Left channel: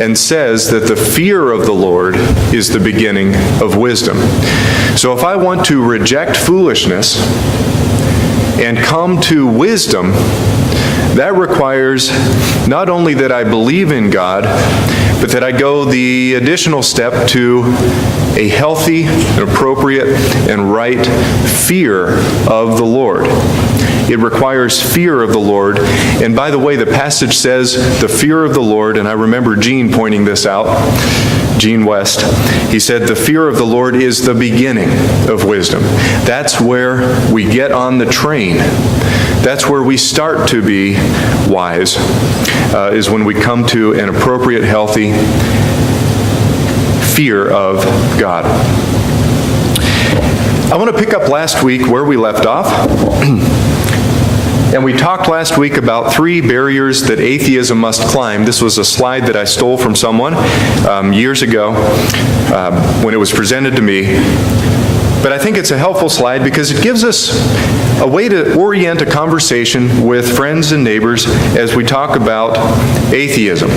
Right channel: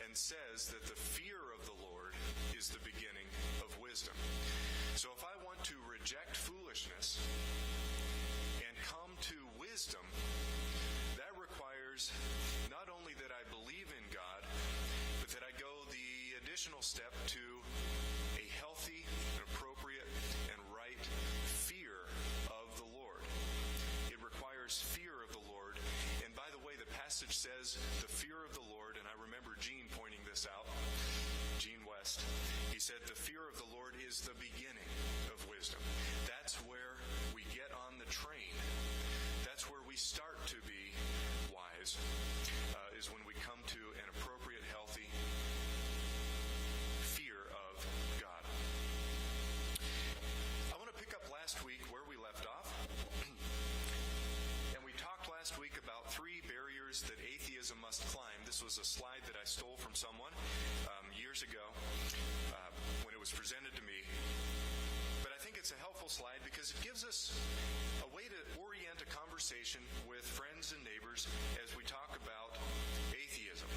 and says that the fear of the Lord is the beginning of wisdom. So if I want to reject foolishness and come to wisdom, that requires not only that I believe in God, but that I go the additional step to a healthy, and appropriate, and right fear of the Lord. It requires fear of the Lord. And by the way, the passage says the fear of the Lord, and I remember Gene pointing this out, Gene West. He said the fear of the Lord is the beginning of wisdom. That's where we get on the train. That's where we start to be wise, is when we come to an appropriate, healthy fear of God. I want to pick up last week where we left off. And we talked last week about 3 barriers that atheism must climb. This was a slide that I stole from someone years ago when it was presented to me. But I think it's a helpful slide because it gives us a way to orient a conversation with friends and neighbors as we talk about atheism,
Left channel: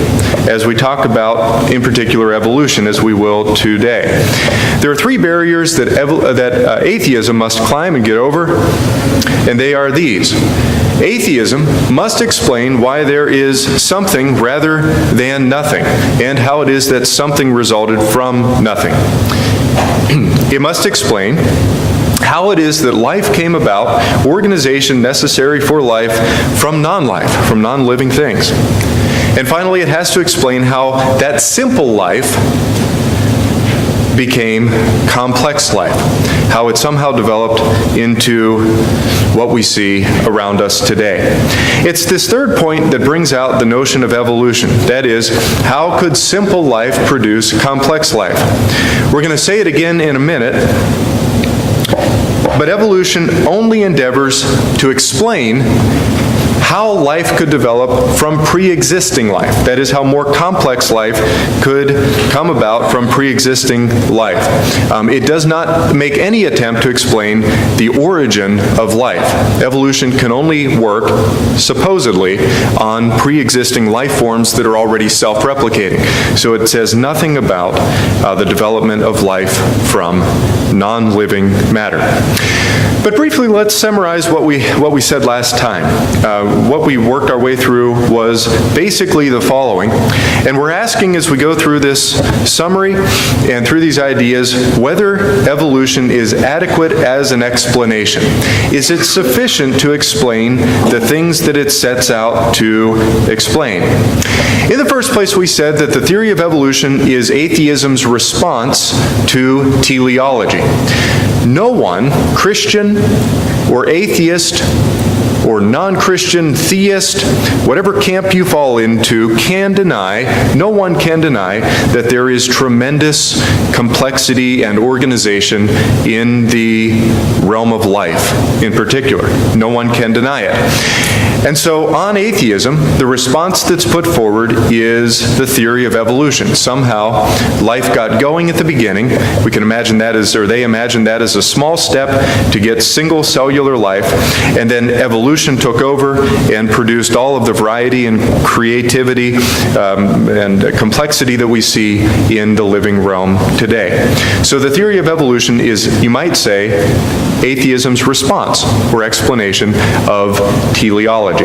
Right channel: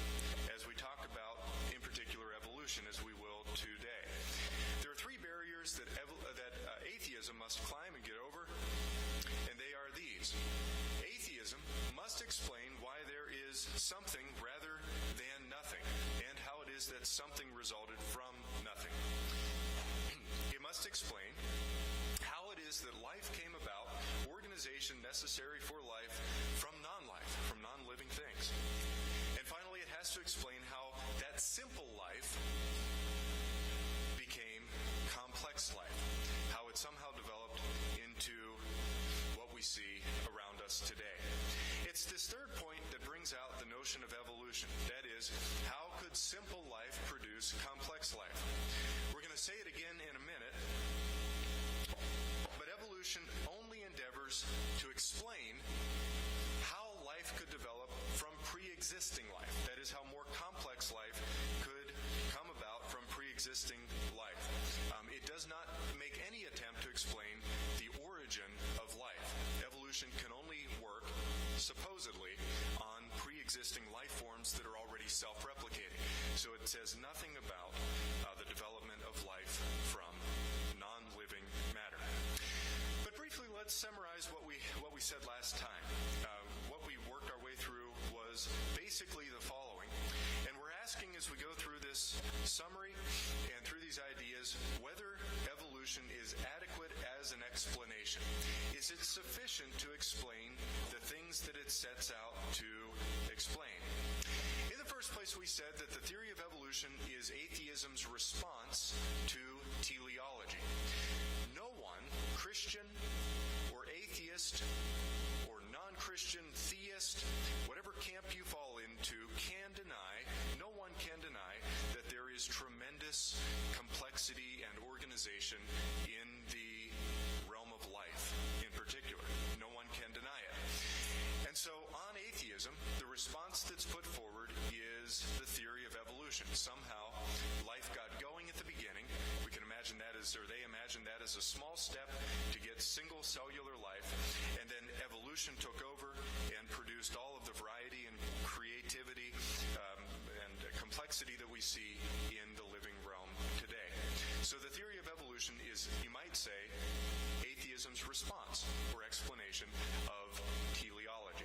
as we talk about, in particular, evolution, as we will today. There are 3 barriers that atheism must climb and get over, and they are these. Atheism must explain why there is something rather than nothing, and how it is that something resulted from nothing. It must explain how it is that life came about, organization necessary for life, from non-life, from non-living things. And finally, it has to explain how that simple life became complex life, how it somehow developed into what we see around us today. It's this third point that brings out the notion of evolution. That is, how could simple life produce complex life? We're going to say it again in a minute, but evolution only endeavors to explain how life could develop from pre-existing life. That is, how more complex life could come about from pre-existing life. It does not make any attempt to explain the origin of life. Evolution can only work, supposedly, on pre-existing life forms that are already self-replicating. So it says nothing about the development of life from non-living matter. But briefly, let's summarize what we said last time. What we worked our way through was basically the following. And we're asking as we go through this summary and through these ideas whether evolution is adequate as an explanation. Is it sufficient to explain the things that it sets out to explain? In the first place, we said that the theory of evolution is atheism's response to teleology. No one, Christian or atheist or non-Christian theist, whatever camp you fall into, no one can deny that there is tremendous complexity and organization in the realm of life in particular. No one can deny it. And so on atheism, the response that's put forward is the theory of evolution. Somehow, life got going at the beginning. We can imagine that as, or they imagine that as a small step to get single cellular life, and then evolution took over and produced all of the variety and creativity and complexity that we see in the living realm today. So the theory of evolution is, you might say, atheism's response or explanation of teleology.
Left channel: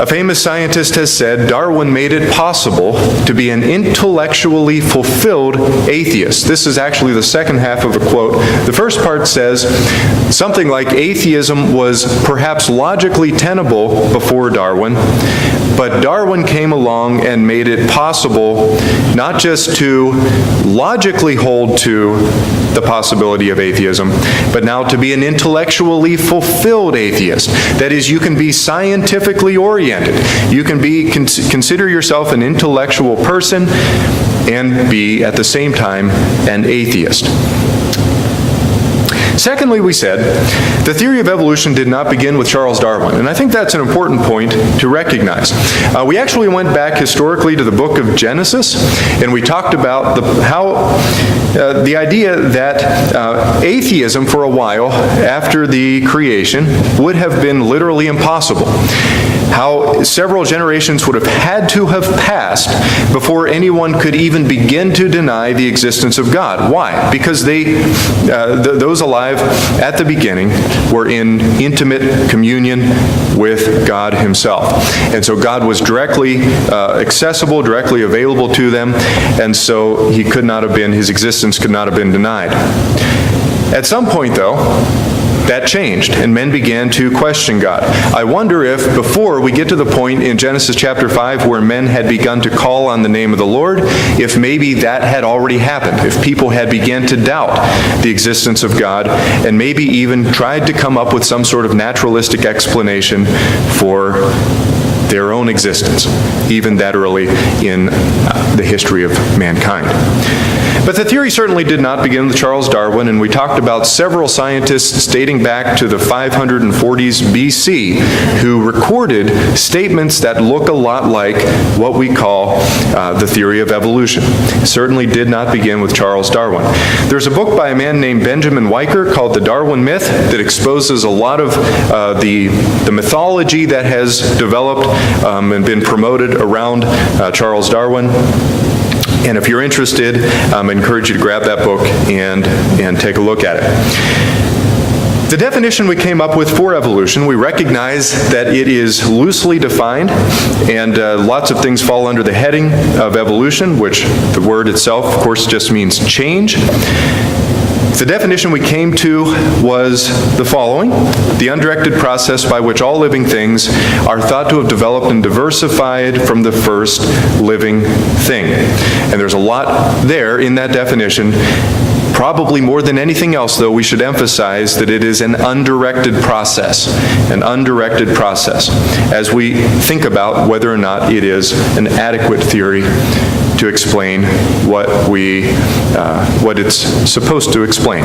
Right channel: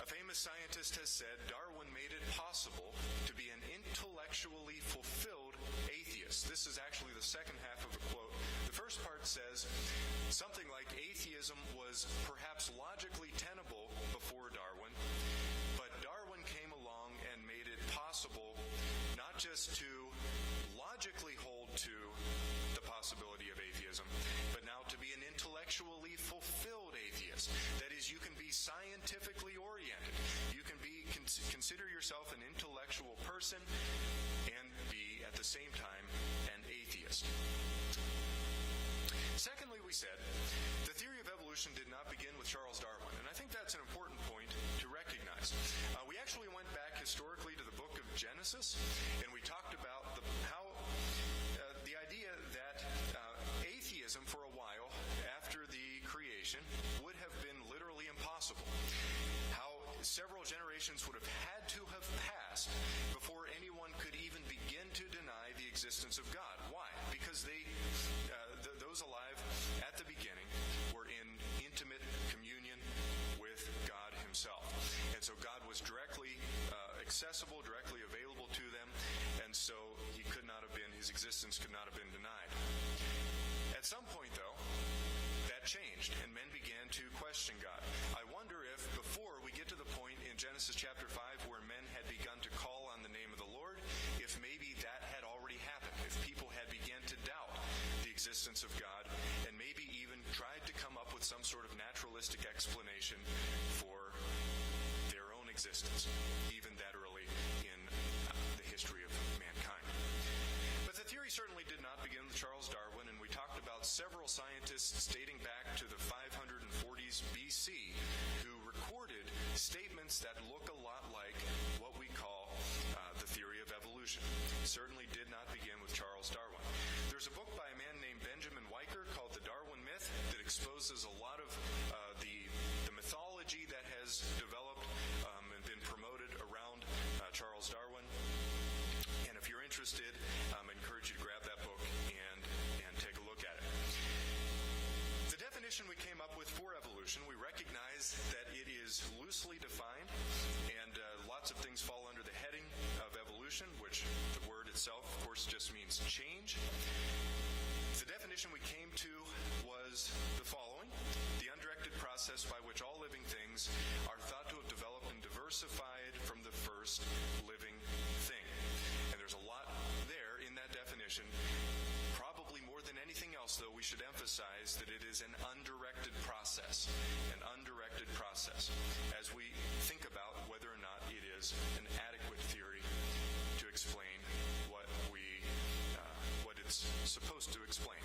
A famous scientist has said Darwin made it possible to be an intellectually fulfilled atheist. This is actually the second half of a quote. The first part says something like atheism was perhaps logically tenable before Darwin, but Darwin came along and made it possible not just to logically hold to the possibility of atheism, but now to be an intellectually fulfilled atheist. That is, you can be scientifically oriented. You can consider yourself an intellectual person and be, at the same time, an atheist. Secondly, we said, the theory of evolution did not begin with Charles Darwin, and I think that's an important point to recognize. We actually went back historically to the book of Genesis, and we talked about the idea that atheism for a while after the creation would have been literally impossible. how several generations would have had to have passed before anyone could even begin to deny the existence of God. Why? Because those alive at the beginning were in intimate communion with God himself. And so God was directly accessible, directly available to them, and so his existence could not have been denied. At some point, though, that changed, and men began to question God. I wonder if before we get to the point in Genesis chapter 5 where men had begun to call on the name of the Lord, if maybe that had already happened, if people had begun to doubt the existence of God, and maybe even tried to come up with some sort of naturalistic explanation for their own existence, even that early in the history of mankind. But the theory certainly did not begin with Charles Darwin, and we talked about several scientists dating back to the 540s BC who recorded statements that look a lot like what we call the theory of evolution. It certainly did not begin with Charles Darwin. There's a book by a man named Benjamin Weicker called The Darwin Myth that exposes a lot of the mythology that has developed and been promoted around Charles Darwin. And if you're interested, I encourage you to grab that book and take a look at it. The definition we came up with for evolution, we recognize that it is loosely defined, and lots of things fall under the heading of evolution, which the word itself, of course, just means change. The definition we came to was the following: the undirected process by which all living things are thought to have developed and diversified from the first living thing. And there's a lot there in that definition. Probably more than anything else, though, we should emphasize that it is an undirected process, as we think about whether or not it is an adequate theory to explain what it's supposed to explain.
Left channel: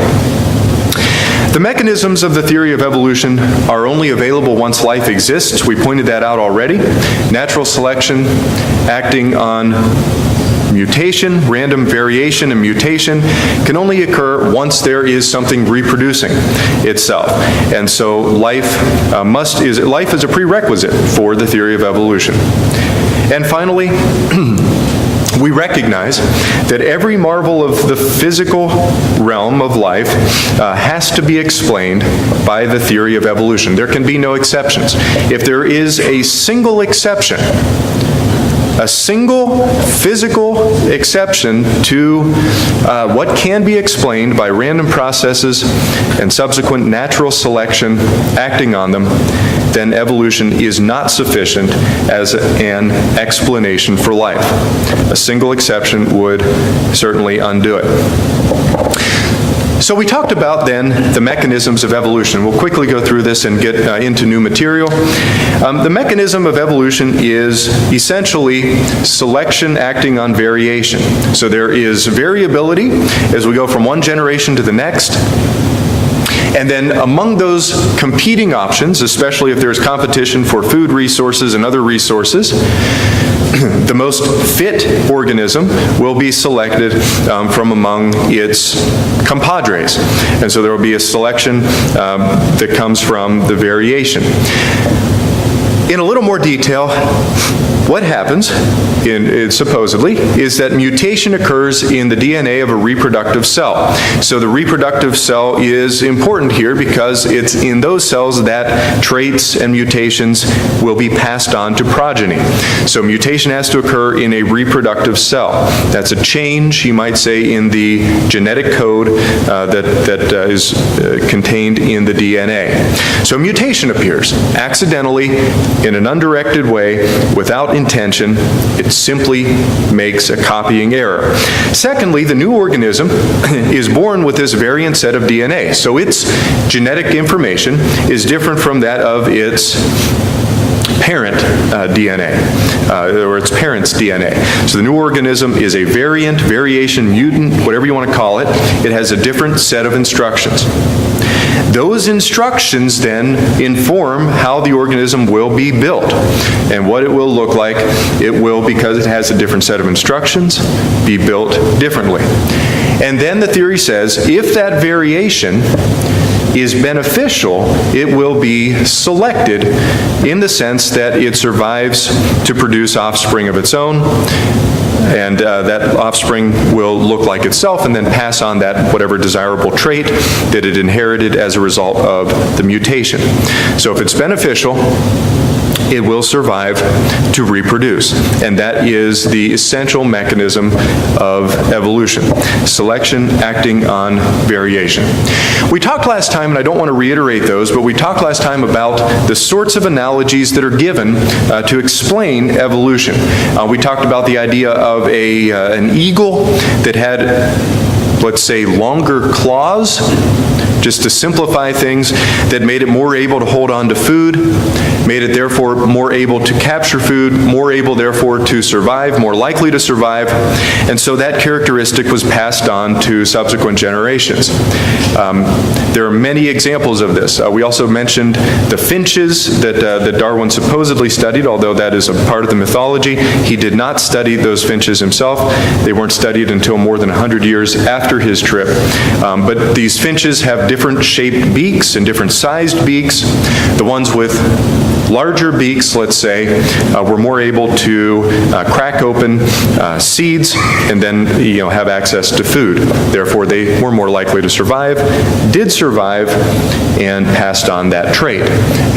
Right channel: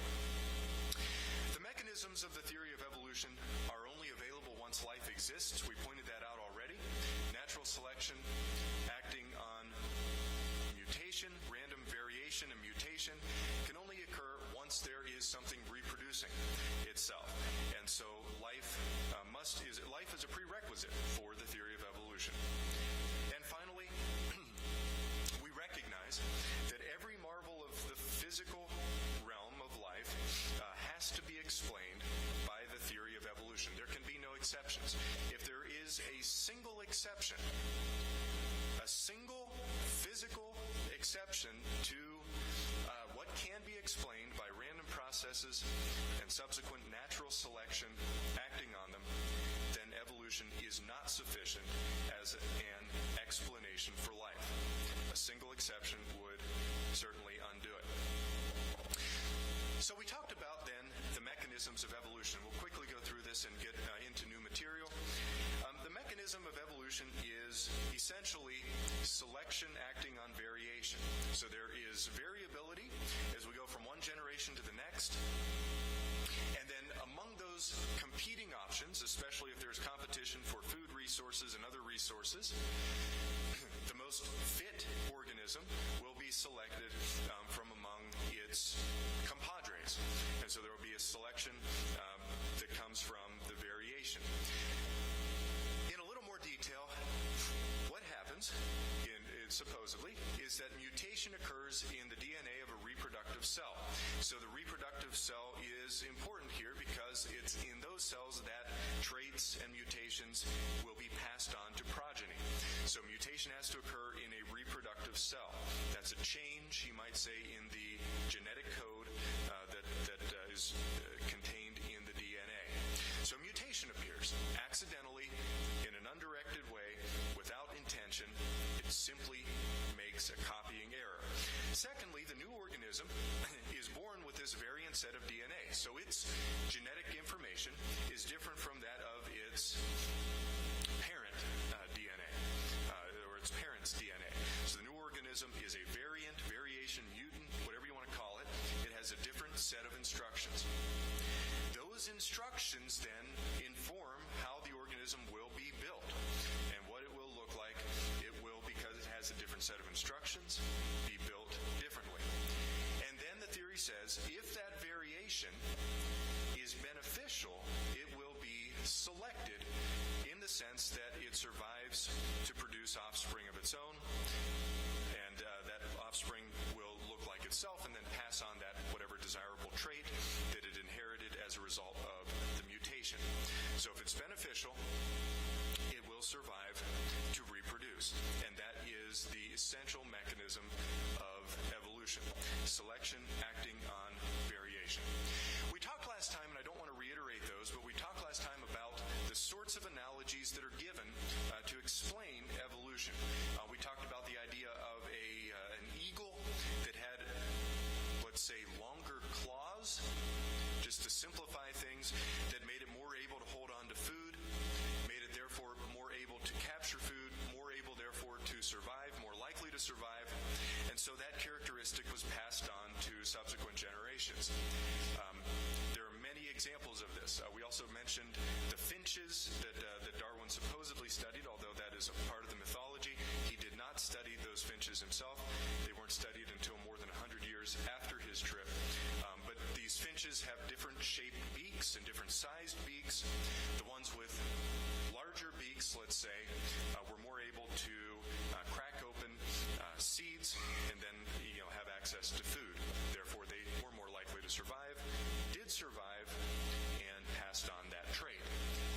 The mechanisms of the theory of evolution are only available once life exists. We pointed that out already. Natural selection acting on mutation, random variation and mutation can only occur once there is something reproducing itself. And so life is a prerequisite for the theory of evolution. And finally, we recognize that every marvel of the physical realm of life has to be explained by the theory of evolution. There can be no exceptions. If there is a single exception, a single physical exception to what can be explained by random processes and subsequent natural selection acting on them, then evolution is not sufficient as an explanation for life. A single exception would certainly undo it. So we talked about then the mechanisms of evolution. We'll quickly go through this and get into new material. The mechanism of evolution is essentially selection acting on variation. So there is variability as we go from one generation to the next. And then among those competing options, especially if there's competition for food resources and other resources, the most fit organism will be selected from among its compadres. And so there will be a selection that comes from the variation. In a little more detail, what happens, supposedly, is that mutation occurs in the DNA of a reproductive cell. So the reproductive cell is important here because it's in those cells that traits and mutations will be passed on to progeny. So mutation has to occur in a reproductive cell. That's a change, you might say, in the genetic code that is contained in the DNA. So mutation appears accidentally, in an undirected way, without intention. It simply makes a copying error. Secondly, the new organism is born with this variant set of DNA. So its genetic information is different from that of its parent DNA, or its parent's DNA. So the new organism is a variant, variation, mutant, whatever you want to call it. It has a different set of instructions. Those instructions then inform how the organism will be built and what it will look like. It will, because it has a different set of instructions, be built differently. And then the theory says if that variation is beneficial, it will be selected in the sense that it survives to produce offspring of its own, and that offspring will look like itself and then pass on that whatever desirable trait that it inherited as a result of the mutation. So if it's beneficial, it will survive to reproduce. And that is the essential mechanism of evolution, selection acting on variation. We talked last time, and I don't want to reiterate those, but we talked last time about the sorts of analogies that are given to explain evolution. We talked about the idea of an eagle that had, let's say, longer claws, just to simplify things, that made it more able to hold on to food, made it therefore more able to capture food, more able therefore to survive, more likely to survive, and so that characteristic was passed on to subsequent generations. There are many examples of this. We also mentioned the finches that Darwin supposedly studied, although that is a part of the mythology. He did not study those finches himself. They weren't studied until more than 100 years after his trip. But these finches have different shaped beaks and different sized beaks. The ones with larger beaks, let's say, were more able to crack open seeds and then have access to food. Therefore, they were more likely to survive, did survive, and passed on that trait.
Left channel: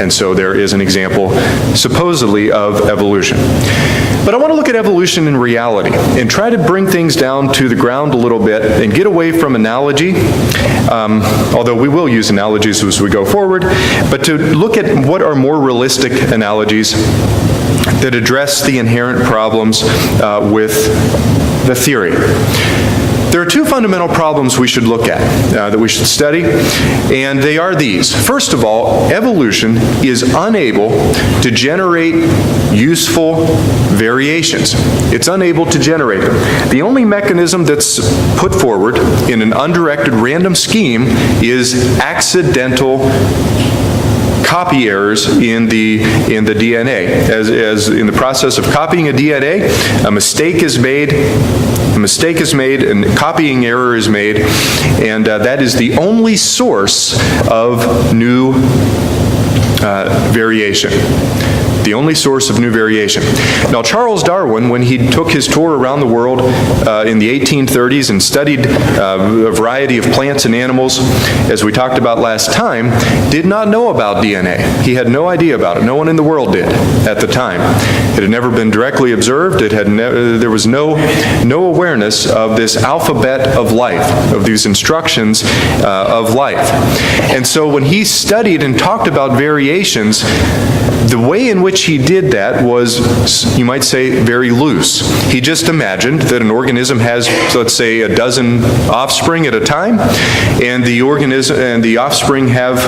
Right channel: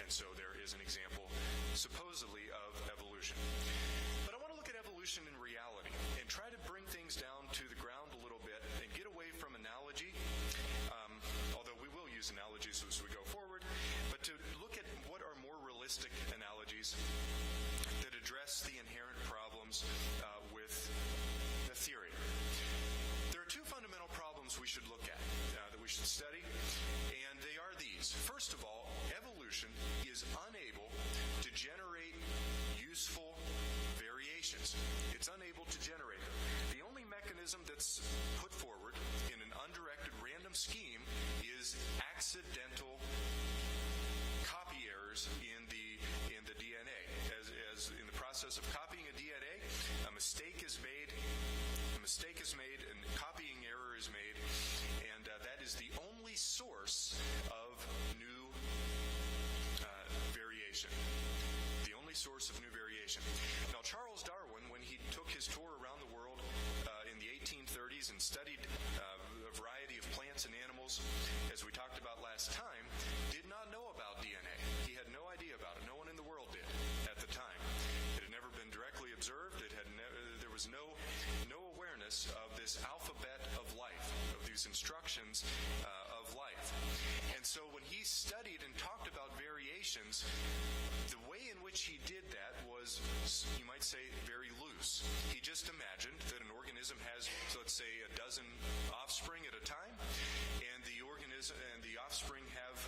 And so there is an example, supposedly, of evolution. But I want to look at evolution in reality and try to bring things down to the ground a little bit and get away from analogy, although we will use analogies as we go forward, but to look at what are more realistic analogies that address the inherent problems with the theory. There are two fundamental problems we should look at, that we should study, and they are these. First of all, evolution is unable to generate useful variations. It's unable to generate them. The only mechanism that's put forward in an undirected random scheme is accidental copy errors in the DNA. As in the process of copying a DNA, a mistake is made, and copying error is made, and that is the only source of new variation. The only source of new variation. Now, Charles Darwin, when he took his tour around the world in the 1830s and studied a variety of plants and animals, as we talked about last time, did not know about DNA. He had no idea about it. No one in the world did at the time. It had never been directly observed. There was no awareness of this alphabet of life, of these instructions of life. And so when he studied and talked about variations, the way in which he did that was, you might say, very loose. He just imagined that an organism has, let's say, a dozen offspring at a time, and the offspring have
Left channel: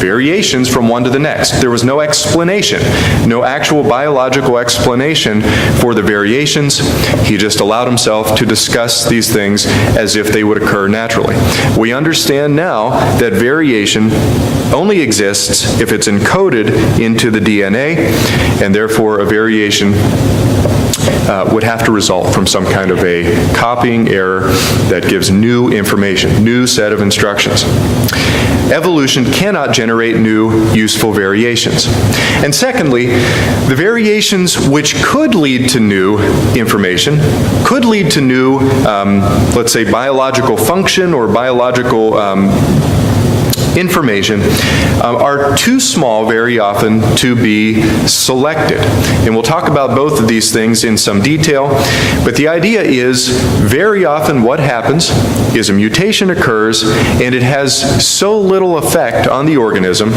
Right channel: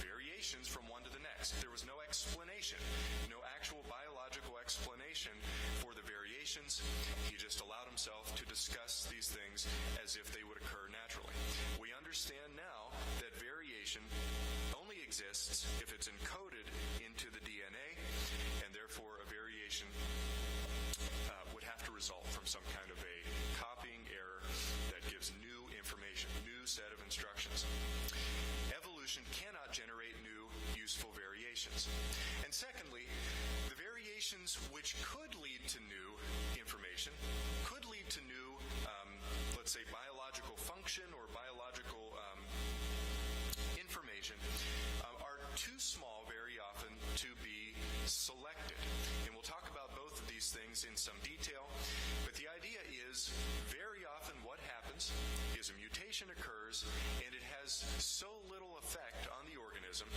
variations from one to the next. There was no explanation, no actual biological explanation for the variations. He just allowed himself to discuss these things as if they would occur naturally. We understand now that variation only exists if it's encoded into the DNA, and therefore a variation would have to result from some kind of a copying error that gives new information, new set of instructions. Evolution cannot generate new useful variations. And secondly, the variations which could lead to new information, could lead to new, let's say, biological function or biological information, are too small very often to be selected. And we'll talk about both of these things in some detail, but the idea is very often what happens is a mutation occurs and it has so little effect on the organism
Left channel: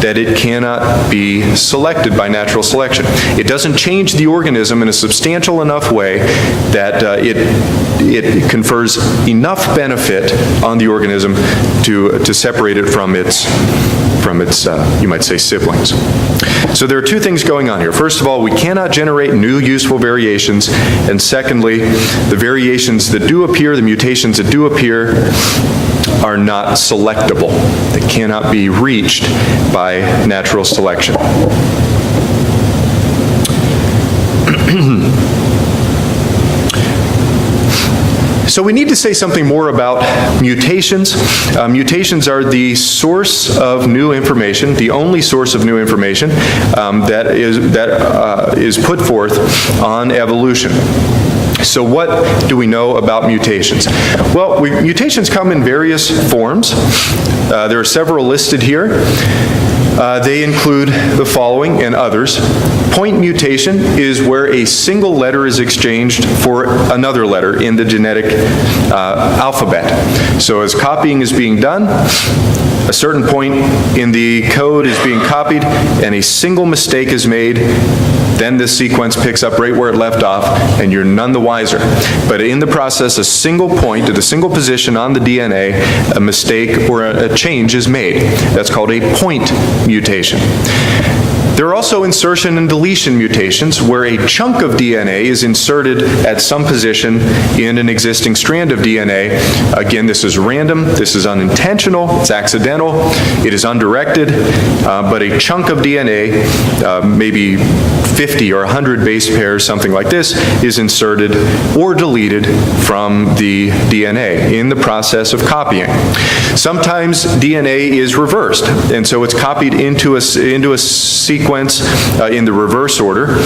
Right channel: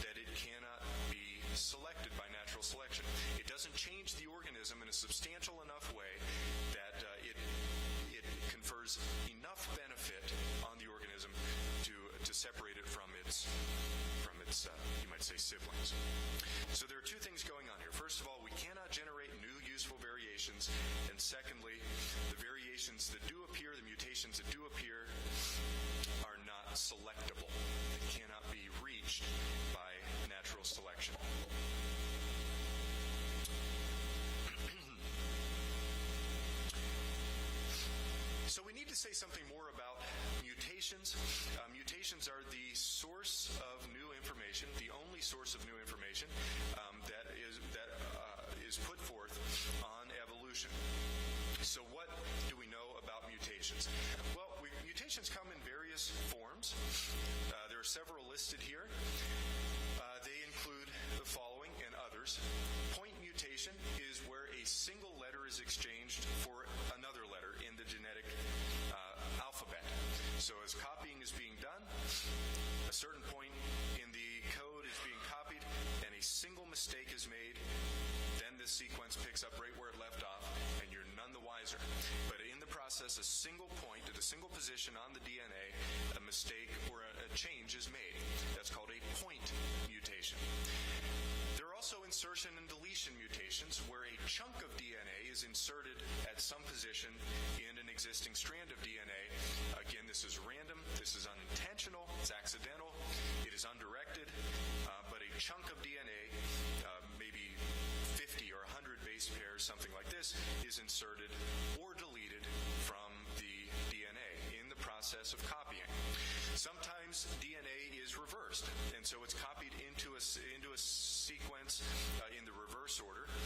that it cannot be selected by natural selection. It doesn't change the organism in a substantial enough way that it confers enough benefit on the organism to separate it from its you might say, siblings. So there are two things going on here. First of all, we cannot generate new useful variations, and secondly, the variations that do appear, the mutations that do appear, are not selectable. They cannot be reached by natural selection. So we need to say something more about mutations. Mutations are the source of new information, the only source of new information that is put forth on evolution. So what do we know about mutations? Well, mutations come in various forms. There are several listed here. They include the following and others. Point mutation is where a single letter is exchanged for another letter in the genetic alphabet. So as copying is being done, a certain point in the code is being copied and a single mistake is made, then the sequence picks up right where it left off, and you're none the wiser. But in the process, a single point at a single position on the DNA, a mistake or a change is made. That's called a point mutation. There are also insertion and deletion mutations, where a chunk of DNA is inserted at some position in an existing strand of DNA. Again, this is random, this is unintentional, it's accidental, it is undirected, but a chunk of DNA, maybe 50 or 100 base pairs, something like this, is inserted or deleted from the DNA in the process of copying. Sometimes DNA is reversed, and so it's copied into a sequence in the reverse order.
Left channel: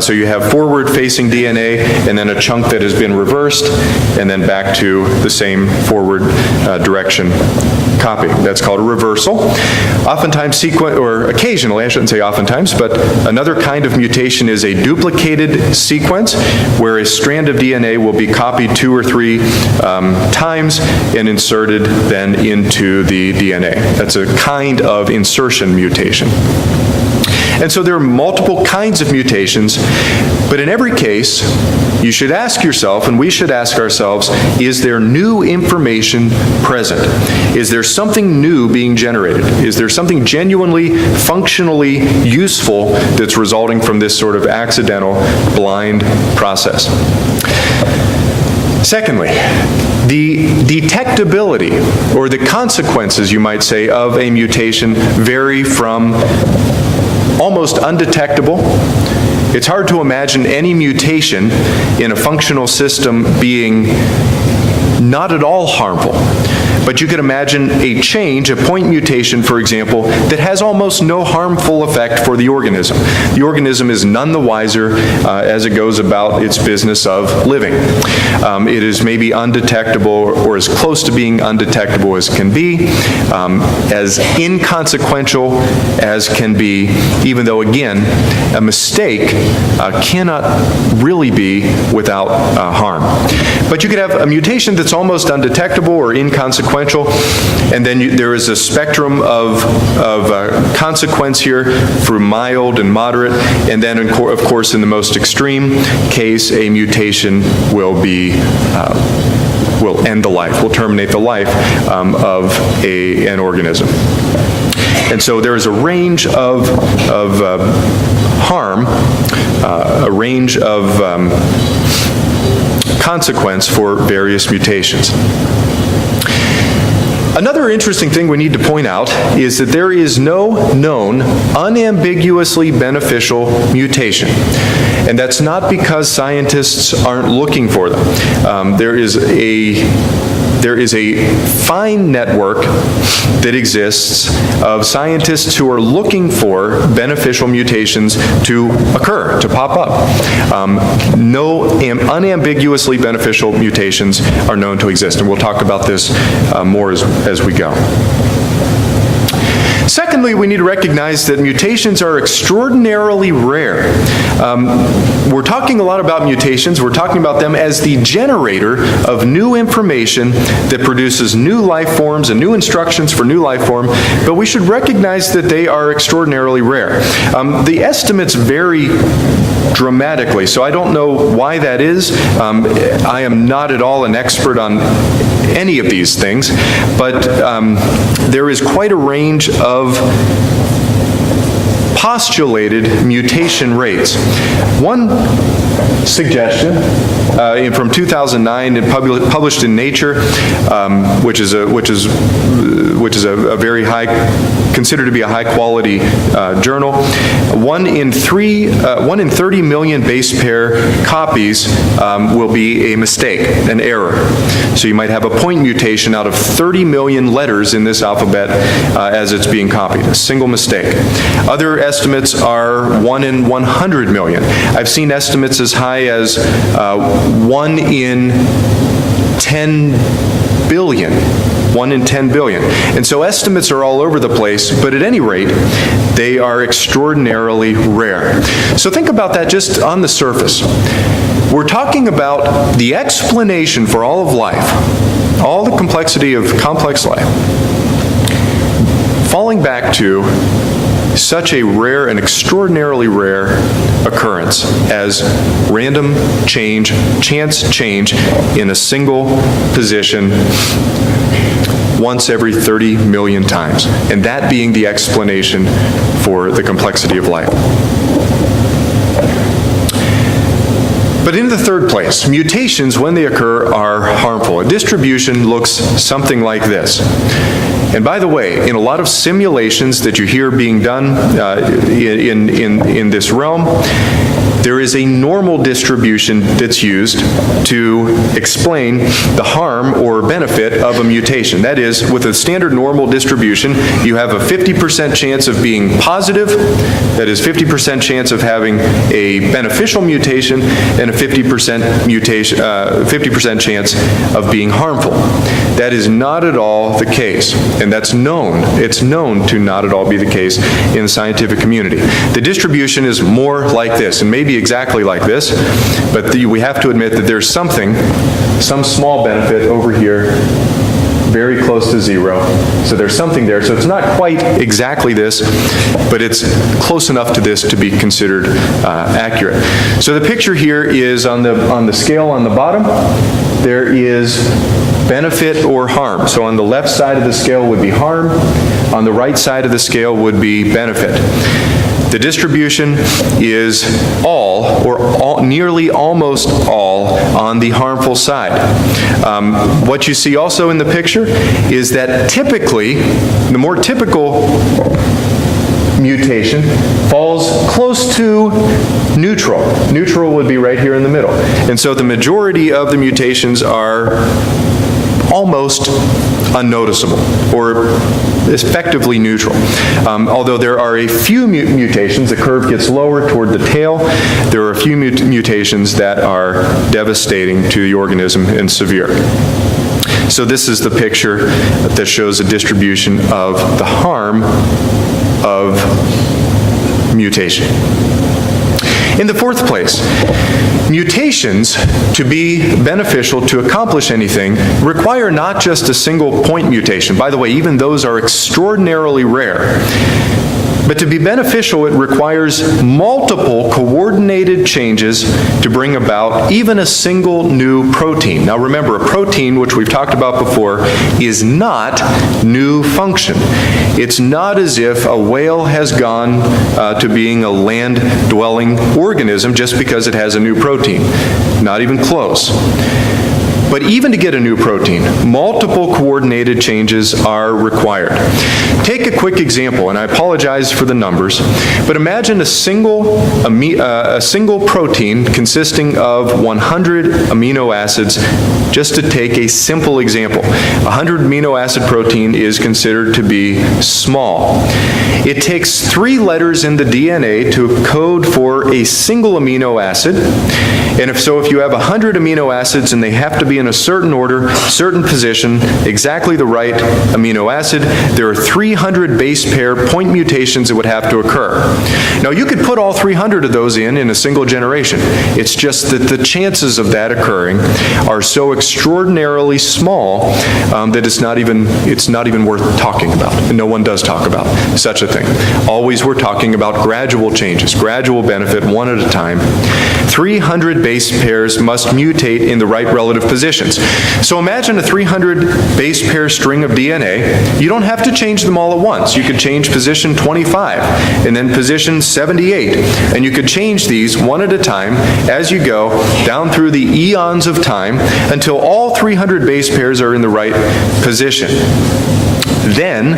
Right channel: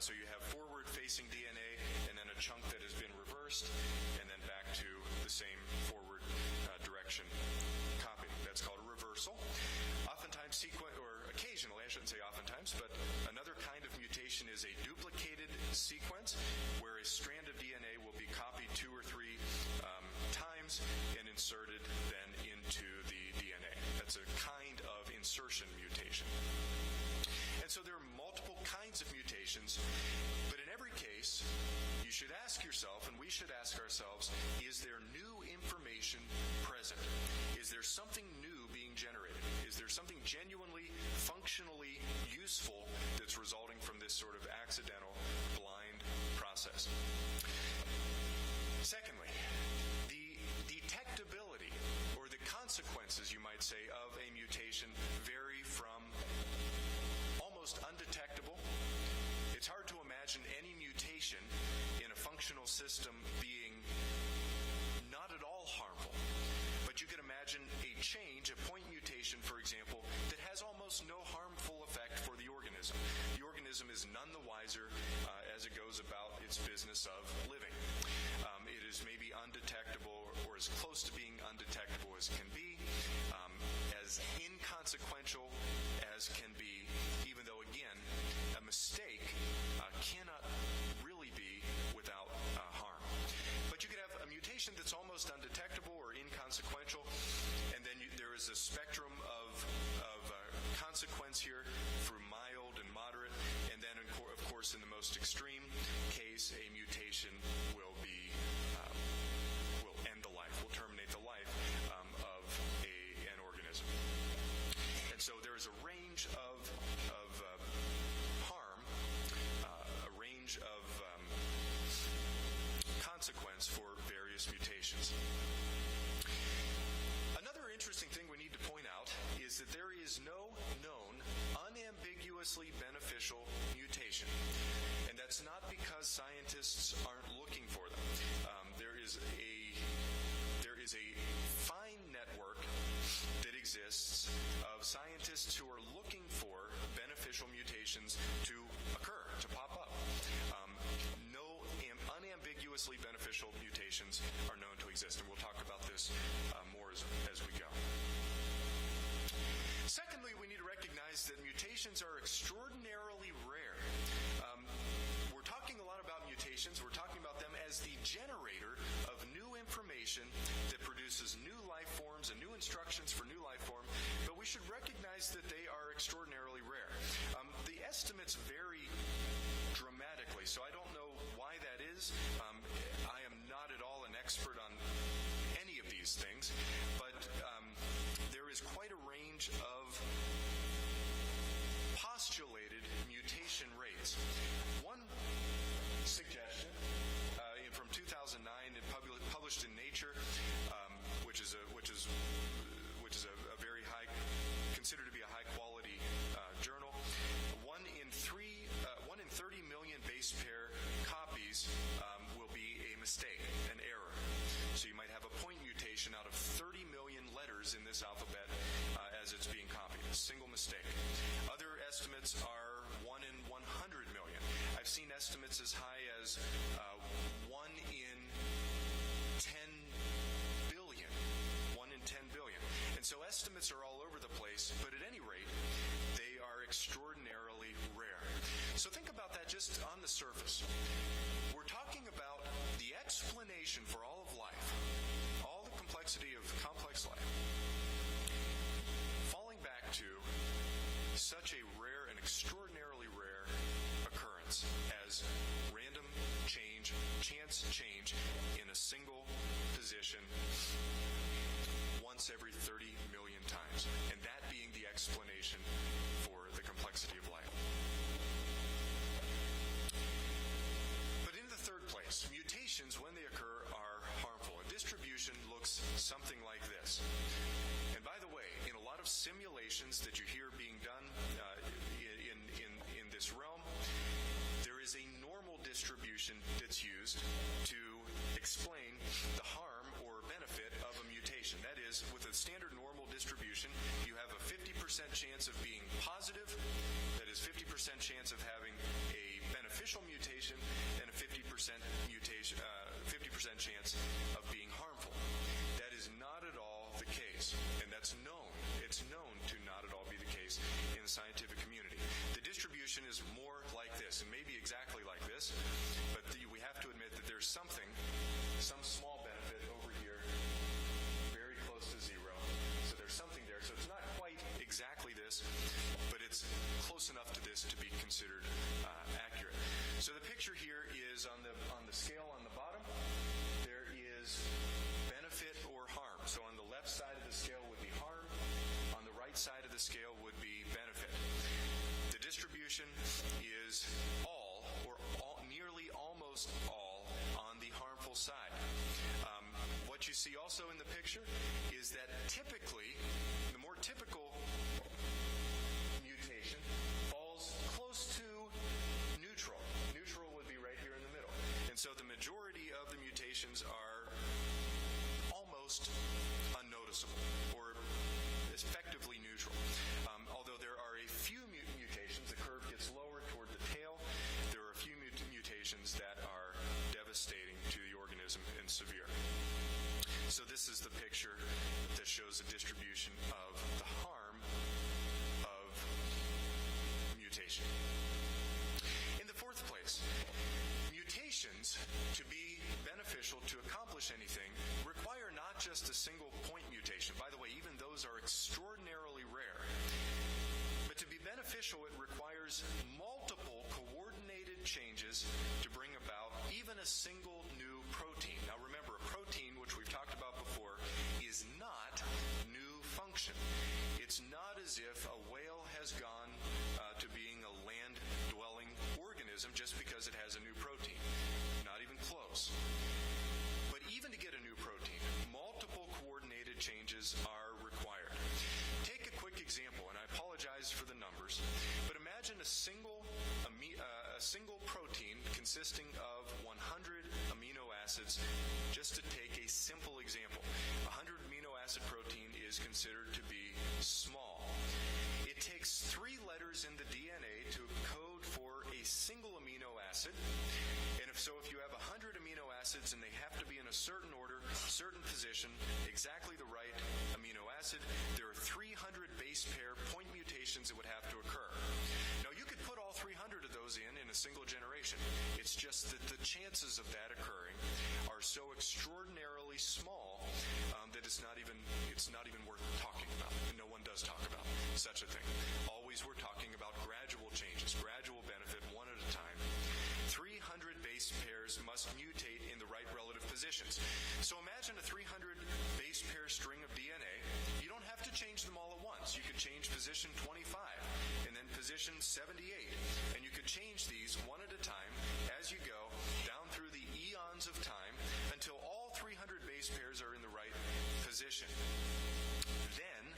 So you have forward-facing DNA, and then a chunk that has been reversed, and then back to the same forward direction copy. That's called a reversal. Oftentimes, occasionally, I shouldn't say oftentimes, but another kind of mutation is a duplicated sequence, where a strand of DNA will be copied 2 or 3 times and inserted then into the DNA. That's a kind of insertion mutation. And so there are multiple kinds of mutations, but in every case, you should ask yourself, and we should ask ourselves, is there new information present? Is there something new being generated? Is there something genuinely, functionally useful that's resulting from this sort of accidental, blind process? Secondly, the detectability, or the consequences, you might say, of a mutation vary from almost undetectable. It's hard to imagine any mutation in a functional system being not at all harmful. But you could imagine a change, a point mutation, for example, that has almost no harmful effect for the organism. The organism is none the wiser as it goes about its business of living. It is maybe undetectable, or as close to being undetectable as can be, as inconsequential as can be, even though, again, a mistake cannot really be without harm. But you could have a mutation that's almost undetectable or inconsequential, and then there is a spectrum of consequence here through mild and moderate, and then of course in the most extreme case, a mutation will end the life, will terminate the life of an organism. And so there is a range of harm, a range of consequence for various mutations. Another interesting thing we need to point out is that there is no known unambiguously beneficial mutation. And that's not because scientists aren't looking for them. There is a fine network that exists of scientists who are looking for beneficial mutations to occur, to pop up. No unambiguously beneficial mutations are known to exist, and we'll talk about this more as we go. Secondly, we need to recognize that mutations are extraordinarily rare. We're talking a lot about mutations. We're talking about them as the generator of new information that produces new life forms and new instructions for new life form, but we should recognize that they are extraordinarily rare. The estimates vary dramatically, so I don't know why that is. I am not at all an expert on any of these things, but there is quite a range of postulated mutation rates. One suggestion from 2009 and published in Nature, which is which is a very high, considered to be a high-quality journal. 1 in 30 million base pair copies will be a mistake, an error. So you might have a point mutation out of 30 million letters in this alphabet as it's being copied, a single mistake. Other estimates are 1 in 100 million. I've seen estimates as high as 1 in 10 billion. 1 in 10 billion. And so estimates are all over the place, but at any rate, they are extraordinarily rare. So think about that just on the surface. We're talking about the explanation for all of life, all the complexity of complex life, falling back to such a rare and extraordinarily rare occurrence as random change, chance change in a single position once every 30 million times, and that being the explanation for the complexity of life. But in the third place, mutations, when they occur, are harmful. A distribution looks something like this. And by the way, in a lot of simulations that you hear being done in this realm, there is a normal distribution that's used to explain the harm or benefit of a mutation. That is, with a standard normal distribution, you have a 50% chance of being positive, that is 50% chance of having a beneficial mutation, and a 50% chance of being harmful. That is not at all the case, and that's known. It's known to not at all be the case in the scientific community. The distribution is more like this, and maybe exactly like this, but we have to admit that there's some small benefit over here, very close to 0. So there's something there. So it's not quite exactly this, but it's close enough to this to be considered accurate. So the picture here is on the scale on the bottom, there is benefit or harm. So on the left side of the scale would be harm, on the right side of the scale would be benefit. The distribution is all, or nearly almost all, on the harmful side. What you see also in the picture is that typically, the more typical mutation falls close to neutral. Neutral would be right here in the middle. And so the majority of the mutations are almost unnoticeable, or effectively neutral. Although there are a few mutations, the curve gets lower toward the tail, there are a few mutations that are devastating to the organism and severe. So this is the picture that shows a distribution of the harm of mutation. In the fourth place, mutations, to be beneficial, to accomplish anything, require not just a single point mutation. By the way, even those are extraordinarily rare. But to be beneficial, it requires multiple coordinated changes to bring about even a single new protein. Now remember, a protein, which we've talked about before, is not new function. It's not as if a whale has gone to being a land-dwelling organism just because it has a new protein. Not even close. But even to get a new protein, multiple coordinated changes are required. Take a quick example, and I apologize for the numbers, but imagine a single protein consisting of 100 amino acids. Just to take a simple example, 100 amino acid protein is considered to be small. It takes 3 letters in the DNA to code for a single amino acid. And if you have 100 amino acids and they have to be in a certain order, certain position, exactly the right amino acid, there are 300 base pair point mutations that would have to occur. Now you could put all 300 of those in a single generation. It's just that the chances of that occurring are so extraordinarily small that it's not even worth talking about. And no one does talk about such a thing. Always we're talking about gradual changes, gradual benefit, one at a time. 300 base pairs must mutate in the right relative positions. So imagine a 300 base pair string of DNA. You don't have to change them all at once. You could change position 25 and then position 78. And you could change these one at a time as you go down through the eons of time until all 300 base pairs are in the right position. then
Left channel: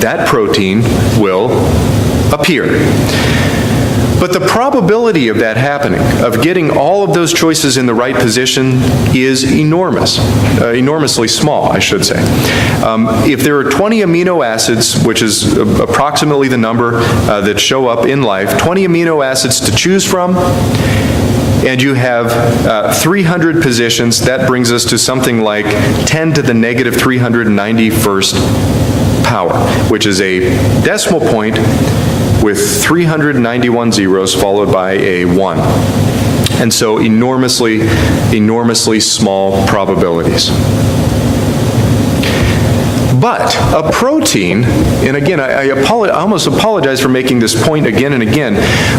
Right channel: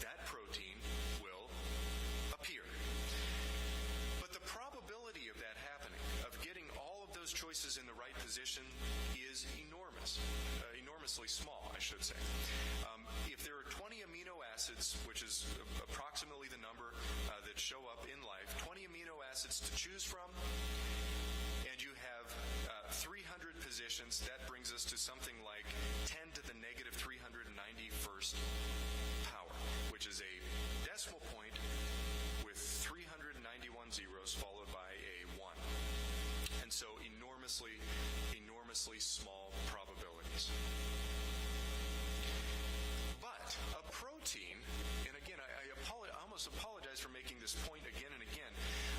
that protein will appear. But the probability of that happening, of getting all of those choices in the right position, is enormous, enormously small, I should say. If there are 20 amino acids, which is approximately the number that show up in life, 20 amino acids to choose from, and you have 300 positions, that brings us to something like 10 to the negative 391st power, which is a decimal point with 391 zeros followed by a 1. And so enormously, enormously small probabilities. But a protein, and again, I almost apologize for making this point again and again,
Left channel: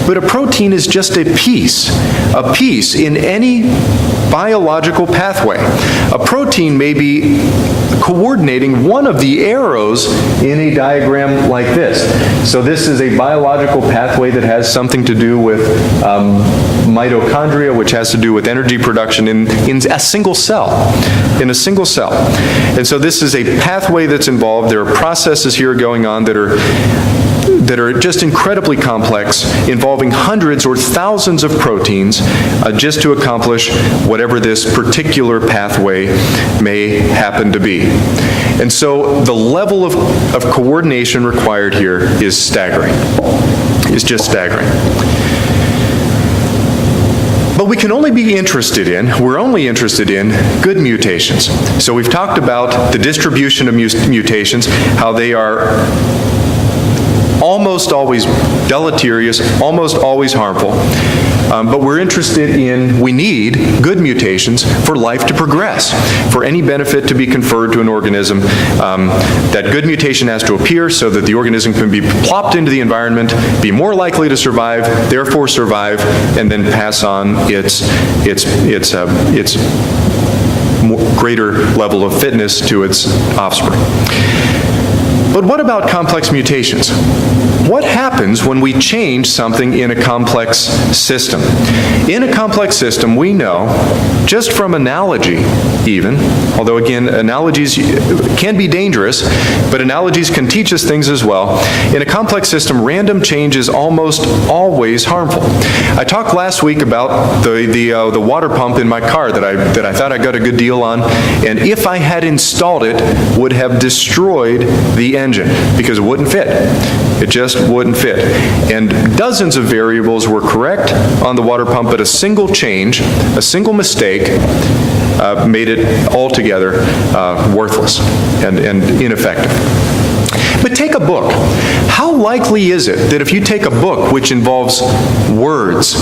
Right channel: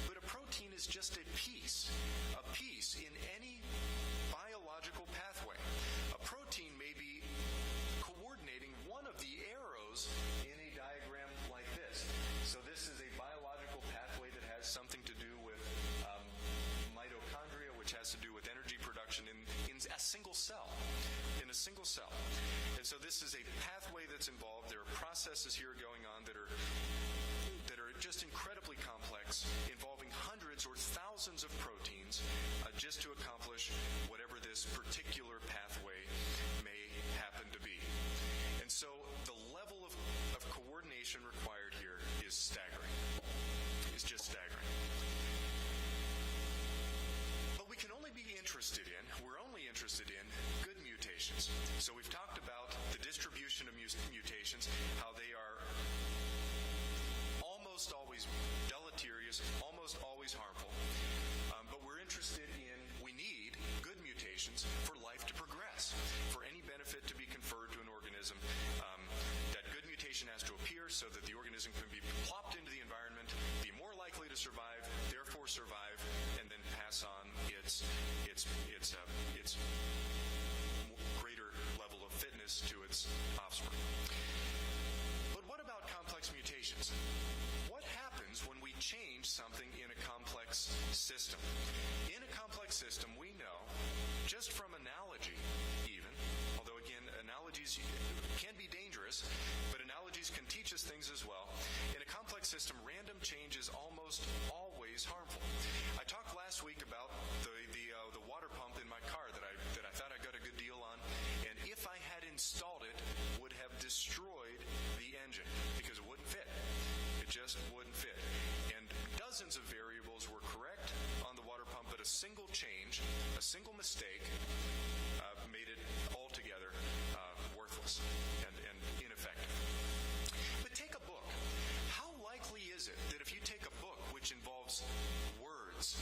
but a protein is just a piece in any biological pathway. A protein may be coordinating one of the arrows in a diagram like this. So this is a biological pathway that has something to do with mitochondria, which has to do with energy production in a single cell, And so this is a pathway that's involved. There are processes here going on that are just incredibly complex, involving hundreds or thousands of proteins just to accomplish whatever this particular pathway may happen to be. And so the level of coordination required here is staggering. It's just staggering. But we can only be interested in, we're only interested in good mutations. So we've talked about the distribution of mutations, how they are almost always deleterious, almost always harmful. But we're interested in, we need good mutations for life to progress, for any benefit to be conferred to an organism. That good mutation has to appear so that the organism can be plopped into the environment, be more likely to survive, therefore survive, and then pass on its greater level of fitness to its offspring. But what about complex mutations? What happens when we change something in a complex system? In a complex system, we know, just from analogy even, although again, analogies can be dangerous, but analogies can teach us things as well. In a complex system, random change is almost always harmful. I talked last week about the water pump in my car that I thought I got a good deal on, and if I had installed it, would have destroyed the engine because it wouldn't fit. It just wouldn't fit. And dozens of variables were correct on the water pump, but a single change, a single mistake, made it altogether worthless and ineffective. But take a book. How likely is it that if you take a book which involves words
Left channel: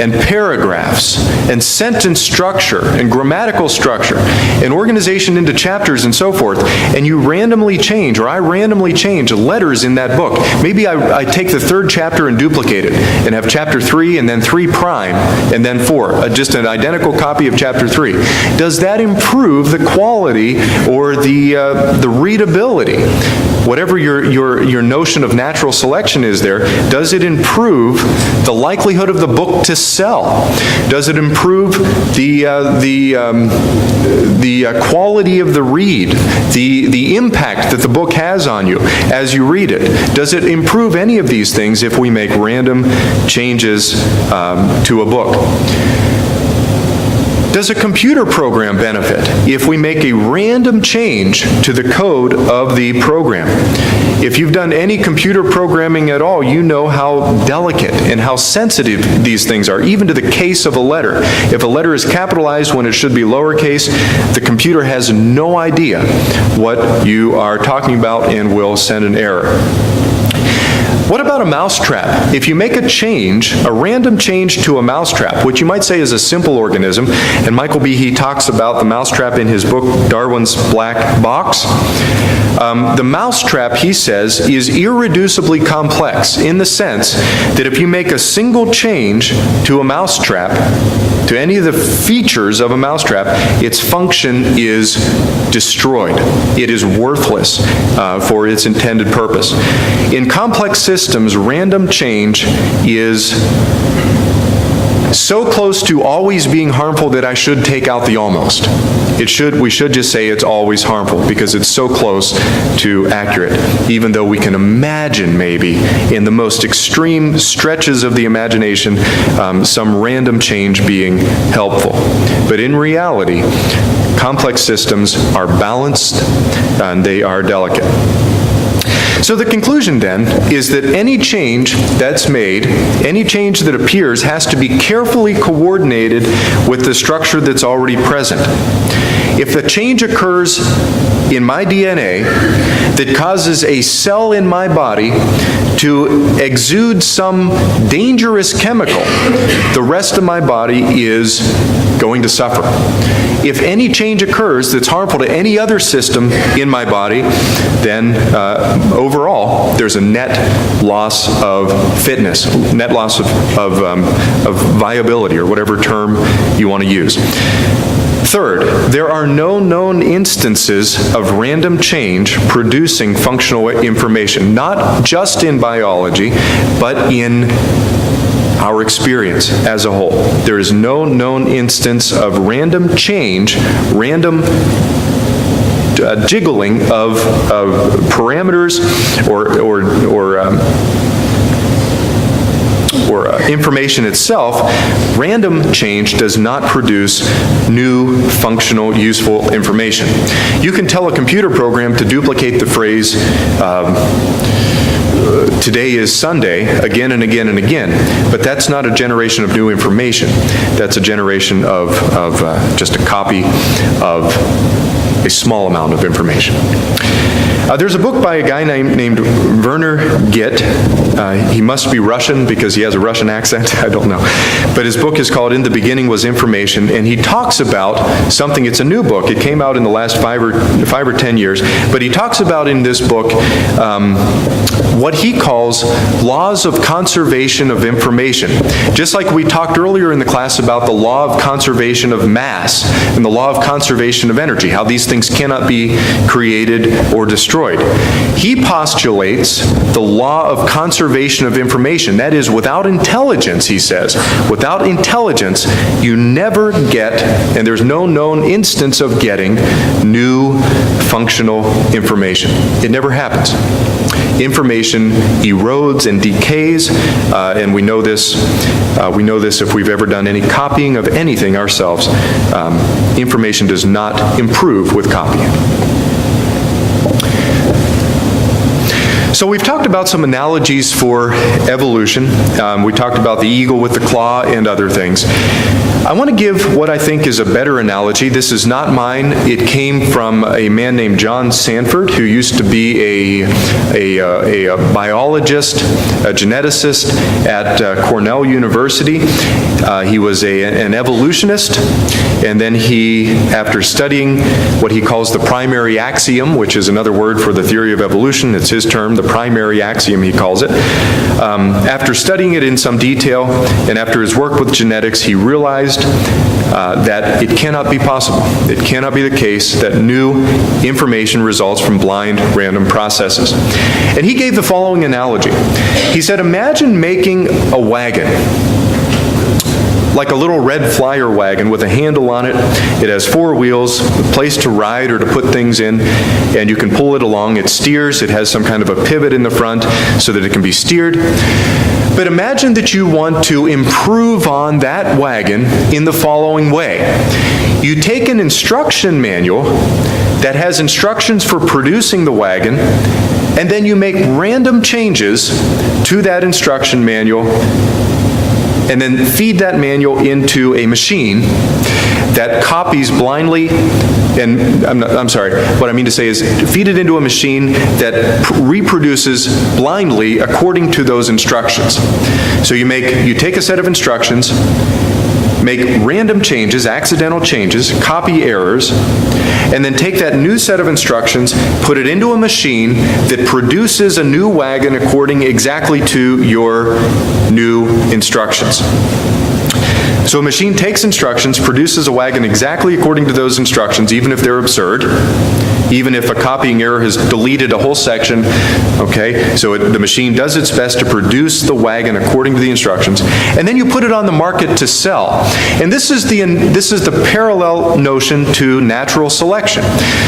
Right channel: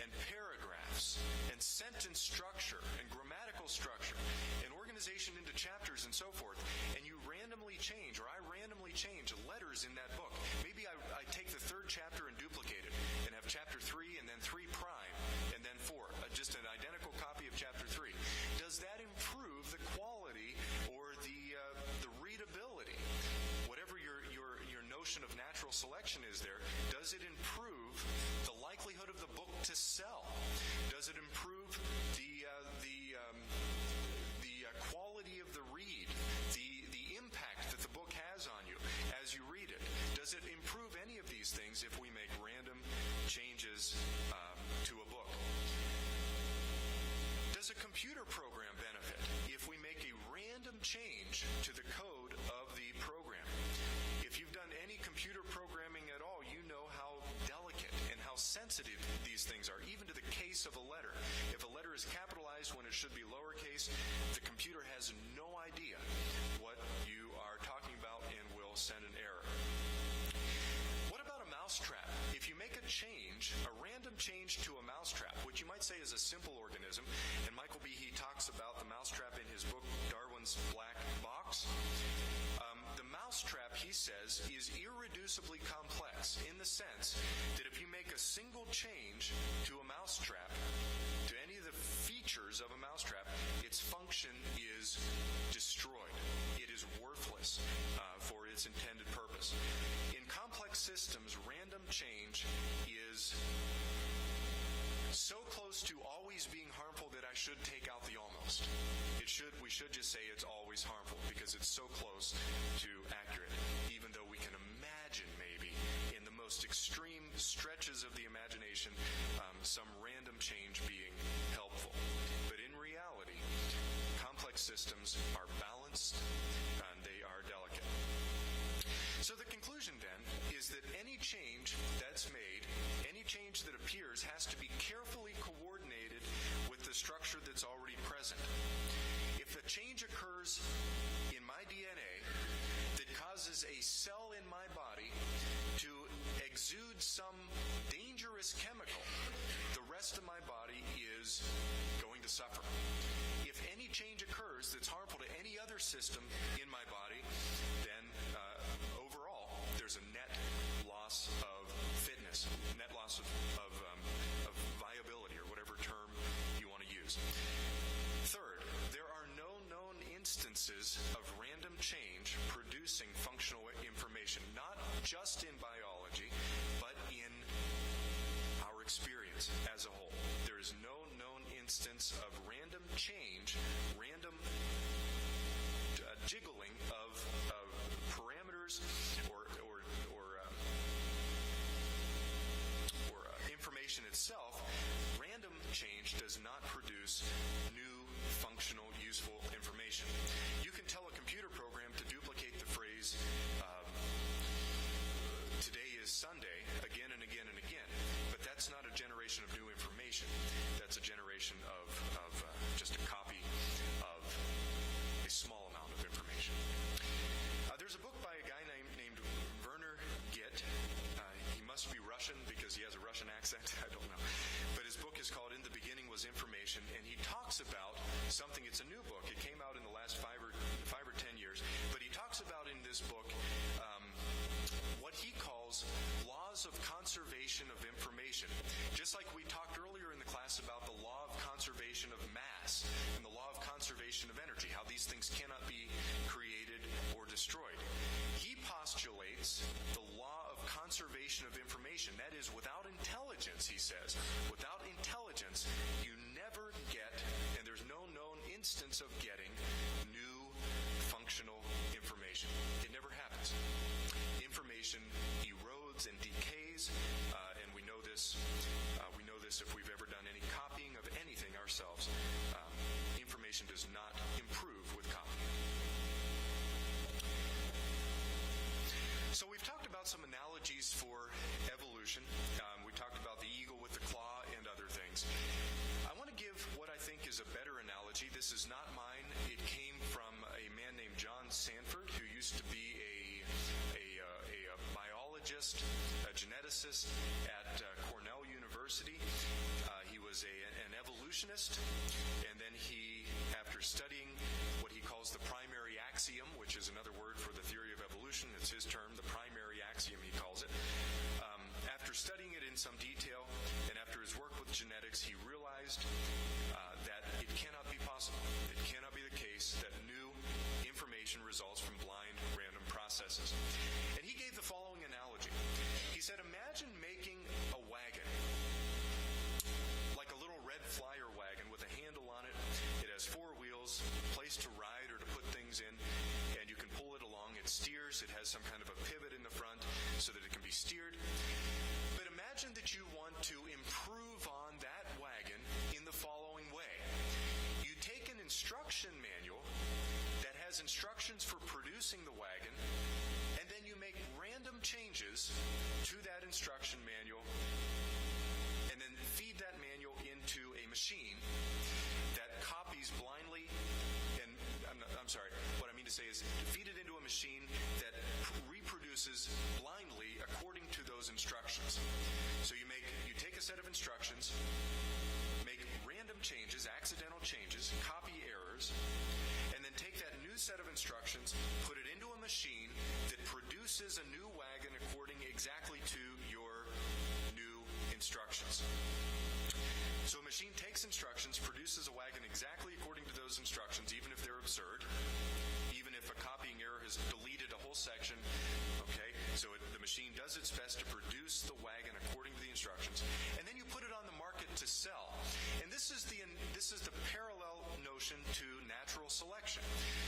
and paragraphs and sentence structure and grammatical structure and organization into chapters and so forth, and you randomly change, or I randomly change letters in that book. Maybe I take the third chapter and duplicate it and have chapter 3 and then 3 prime and then 4, just an identical copy of chapter 3. Does that improve the quality or the readability? Whatever your notion of natural selection is there, does it improve the likelihood of the book to sell? Does it improve the quality of the read, the impact that the book has on you as you read it? Does it improve any of these things if we make random changes to a book? Does a computer program benefit if we make a random change to the code of the program? If you've done any computer programming at all, you know how delicate and how sensitive these things are, even to the case of a letter. If a letter is capitalized when it should be lowercase, the computer has no idea what you are talking about and will send an error. What about a mousetrap? If you make a change, a random change to a mousetrap, which you might say is a simple organism, and Michael Behe talks about the mousetrap in his book, Darwin's Black Box. The mousetrap, he says, is irreducibly complex in the sense that if you make a single change to a mousetrap, to any of the features of a mousetrap, its function is destroyed. It is worthless for its intended purpose. In complex systems, random change is so close to always being harmful that I should take out the almost. We should just say it's always harmful because it's so close to accurate, even though we can imagine maybe in the most extreme stretches of the imagination some random change being helpful. But in reality, complex systems are balanced and they are delicate. So the conclusion then is that any change that's made, any change that appears, has to be carefully coordinated with the structure that's already present. If the change occurs in my DNA that causes a cell in my body to exude some dangerous chemical, the rest of my body is going to suffer. If any change occurs that's harmful to any other system in my body, then overall there's a net loss of fitness, net loss of viability, or whatever term you want to use. Third, there are no known instances of random change producing functional information, not just in biology, but in our experience as a whole. There is no known instance of random change, random jiggling of parameters or information itself. Random change does not produce new, functional, useful information. You can tell a computer program to duplicate the phrase, today is Sunday, again and again and again, but that's not a generation of new information. That's a generation of just a copy of a small amount of information. There's a book by a guy named Werner Gitt. He must be Russian because he has a Russian accent. I don't know. But his book is called In the Beginning Was Information, and he talks about something. It's a new book. It came out in the last 5 or 10 years. But he talks about in this book what he calls laws of conservation of information. Just like we talked earlier in the class about the law of conservation of mass and the law of conservation of energy, how these things cannot be created or destroyed. He postulates the law of conservation of information. That is, without intelligence, he says, without intelligence, you never get, and there's no known instance of getting, new functional information. It never happens. Information erodes and decays, and we know this if we've ever done any copying of anything ourselves. Information does not improve with copying. So we've talked about some analogies for evolution. We talked about the eagle with the claw and other things. I want to give what I think is a better analogy. This is not mine. It came from a man named John Sanford, who used to be a biologist, a geneticist at Cornell University. He was an evolutionist, and then he, after studying what he calls the primary axiom, which is another word for the theory of evolution, it's his term, the primary axiom he calls it. After studying it in some detail, and after his work with genetics, he realized that it cannot be possible. It cannot be the case that new information results from blind, random processes. And he gave the following analogy. He said, imagine making a wagon, like a little red flyer wagon with a handle on it. It has 4 wheels, a place to ride or to put things in, and you can pull it along. It steers. It has some kind of a pivot in the front so that it can be steered. But imagine that you want to improve on that wagon in the following way. You take an instruction manual that has instructions for producing the wagon, and then you make random changes to that instruction manual, and then feed that manual into a machine that copies blindly, and I'm sorry, what I mean to say is feed it into a machine that reproduces blindly according to those instructions. So you take a set of instructions, make random changes, accidental changes, copy errors, and then take that new set of instructions, put it into a machine that produces a new wagon according exactly to your new instructions. So a machine takes instructions, produces a wagon exactly according to those instructions, even if they're absurd, even if a copying error has deleted a whole section, okay? So the machine does its best to produce the wagon according to the instructions, and then you put it on the market to sell. And this is the parallel notion to natural selection.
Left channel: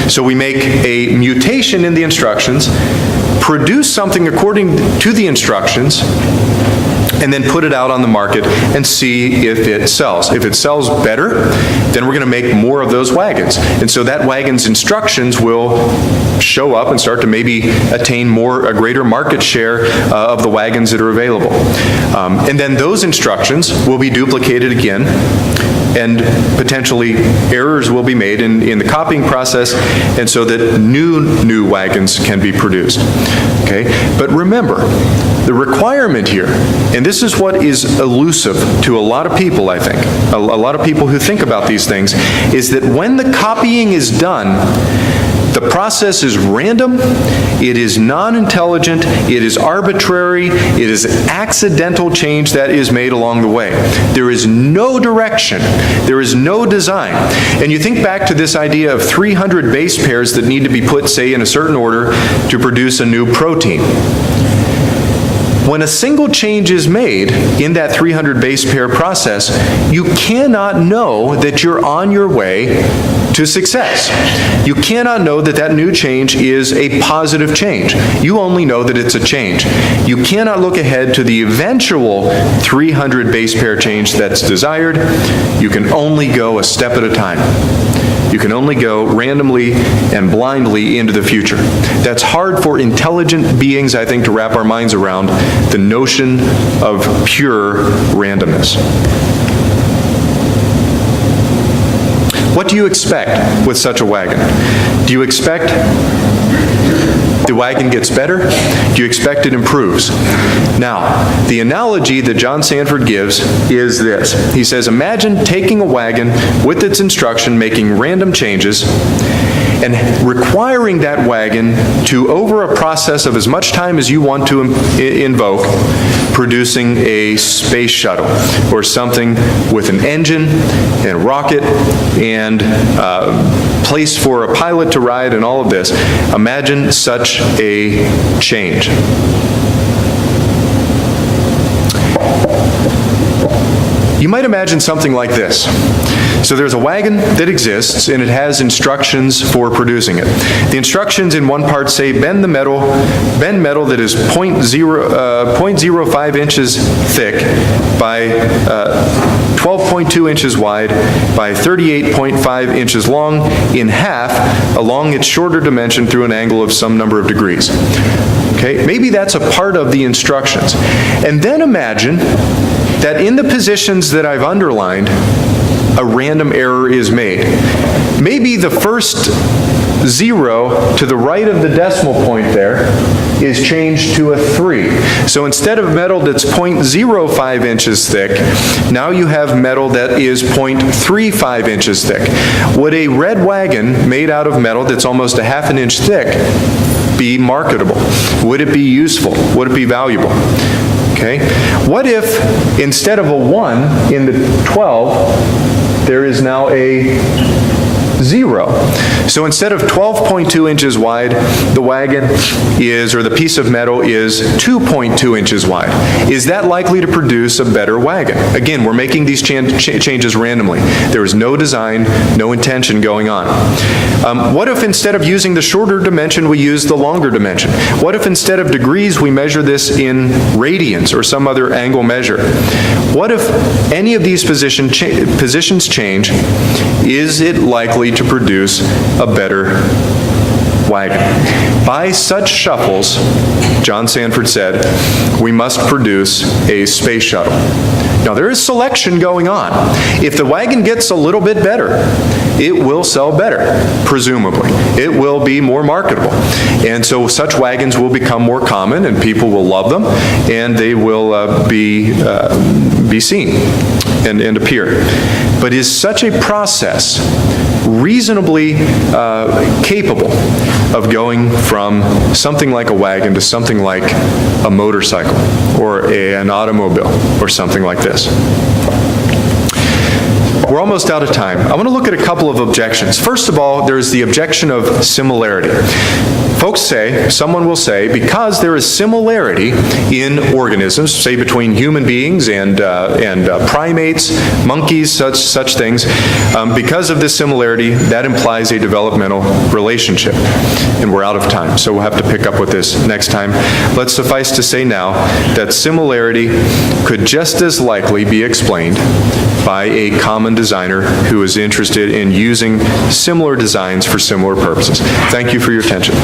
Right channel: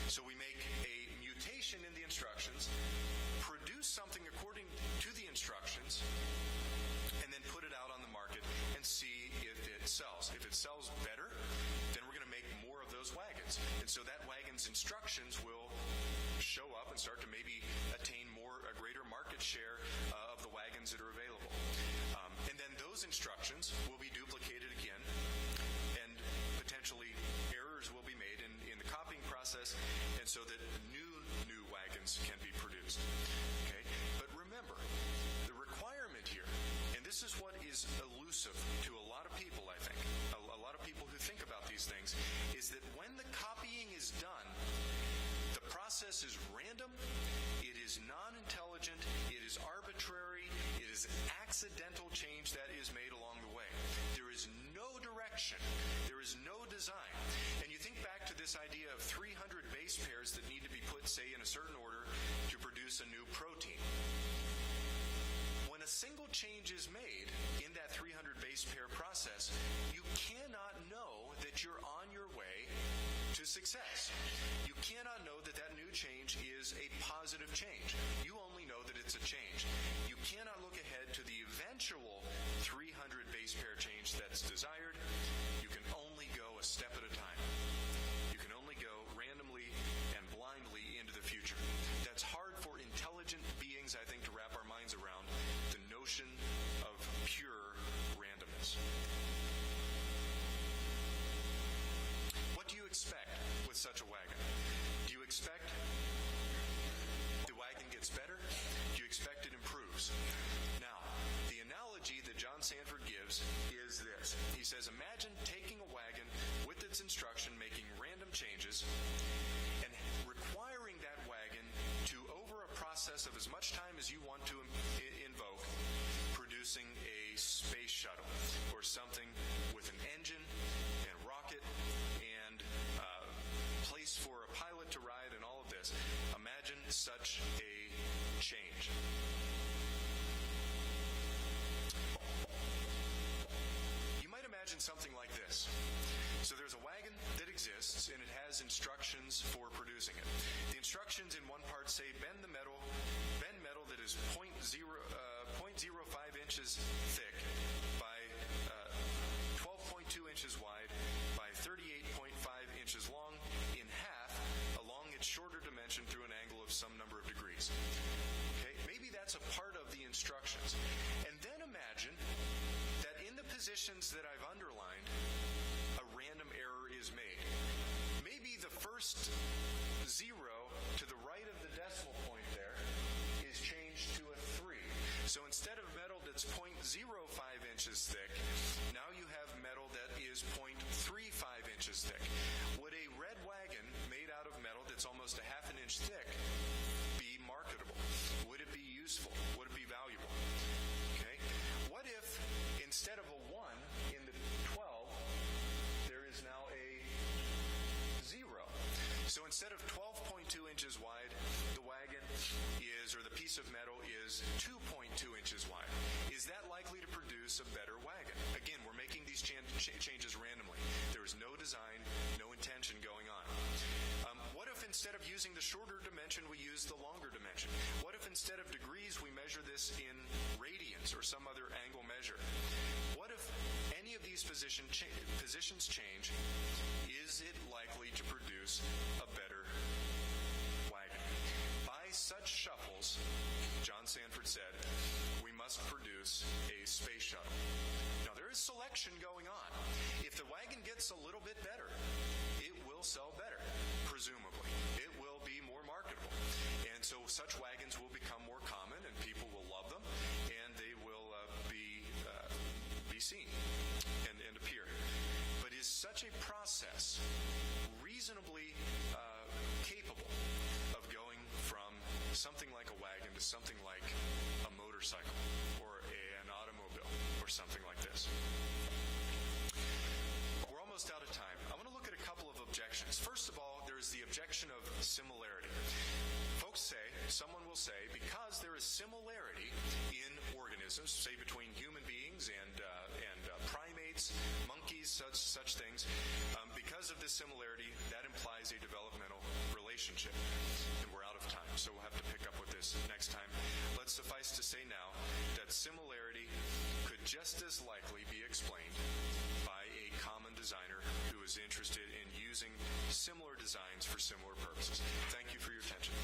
So we make a mutation in the instructions, produce something according to the instructions, and then put it out on the market and see if it sells. If it sells better, then we're going to make more of those wagons. And so that wagon's instructions will show up and start to maybe attain a greater market share of the wagons that are available. And then those instructions will be duplicated again, and potentially errors will be made in the copying process, and so that new wagons can be produced. Okay? But remember, the requirement here, and this is what is elusive to a lot of people, I think, a lot of people who think about these things, is that when the copying is done, the process is random, it is non-intelligent, it is arbitrary, it is accidental change that is made along the way. There is no direction, there is no design. And you think back to this idea of 300 base pairs that need to be put, say, in a certain order to produce a new protein. When a single change is made in that 300 base pair process, you cannot know that you're on your way to success. You cannot know that that new change is a positive change. You only know that it's a change. You cannot look ahead to the eventual 300 base pair change that's desired. You can only go a step at a time. You can only go randomly and blindly into the future. That's hard for intelligent beings, I think, to wrap our minds around, the notion of pure randomness. What do you expect with such a wagon? Do you expect the wagon gets better? Do you expect it improves? Now, the analogy that John Sanford gives is this. He says, imagine taking a wagon with its instruction, making random changes, and requiring that wagon to, over a process of as much time as you want to invoke, producing a space shuttle or something with an engine and rocket and place for a pilot to ride and all of this. Imagine such a change. You might imagine something like this. So there's a wagon that exists, and it has instructions for producing it. The instructions in one part say bend metal that is 0.05 inches thick by 12.2 inches wide by 38.5 inches long in half along its shorter dimension through an angle of some number of degrees. Okay, maybe that's a part of the instructions. And then imagine that in the positions that I've underlined, a random error is made. Maybe the first 0 to the right of the decimal point there is changed to a 3. So instead of metal that's 0.05 inches thick, now you have metal that is 0.35 inches thick. Would a red wagon made out of metal that's almost a half an inch thick be marketable? Would it be useful? Would it be valuable? Okay. What if instead of a 1 in the 12, there is now a 0. So instead of 12.2 inches wide, the wagon is, or the piece of metal is 2.2 inches wide. Is that likely to produce a better wagon? Again, we're making these changes randomly. There is no design, no intention going on. What if instead of using the shorter dimension, we use the longer dimension? What if instead of degrees, we measure this in radians or some other angle measure? What if any of these positions change? Is it likely to produce a better wagon? By such shuffles, John Sanford said, we must produce a space shuttle. Now there is selection going on. If the wagon gets a little bit better, it will sell better, presumably. It will be more marketable. And so such wagons will become more common and people will love them and they will be seen and appear. But is such a process reasonably capable of going from something like a wagon to something like a motorcycle or an automobile or something like this? We're almost out of time. I want to look at a couple of objections. First of all, there's the objection of similarity. Folks say, someone will say, because there is similarity in organisms, say between human beings and primates, monkeys, such things, because of this similarity, that implies a developmental relationship. And we're out of time, so we'll have to pick up with this next time. Let's suffice to say now that similarity could just as likely be explained by a common designer who is interested in using similar designs for similar purposes. Thank you for your attention.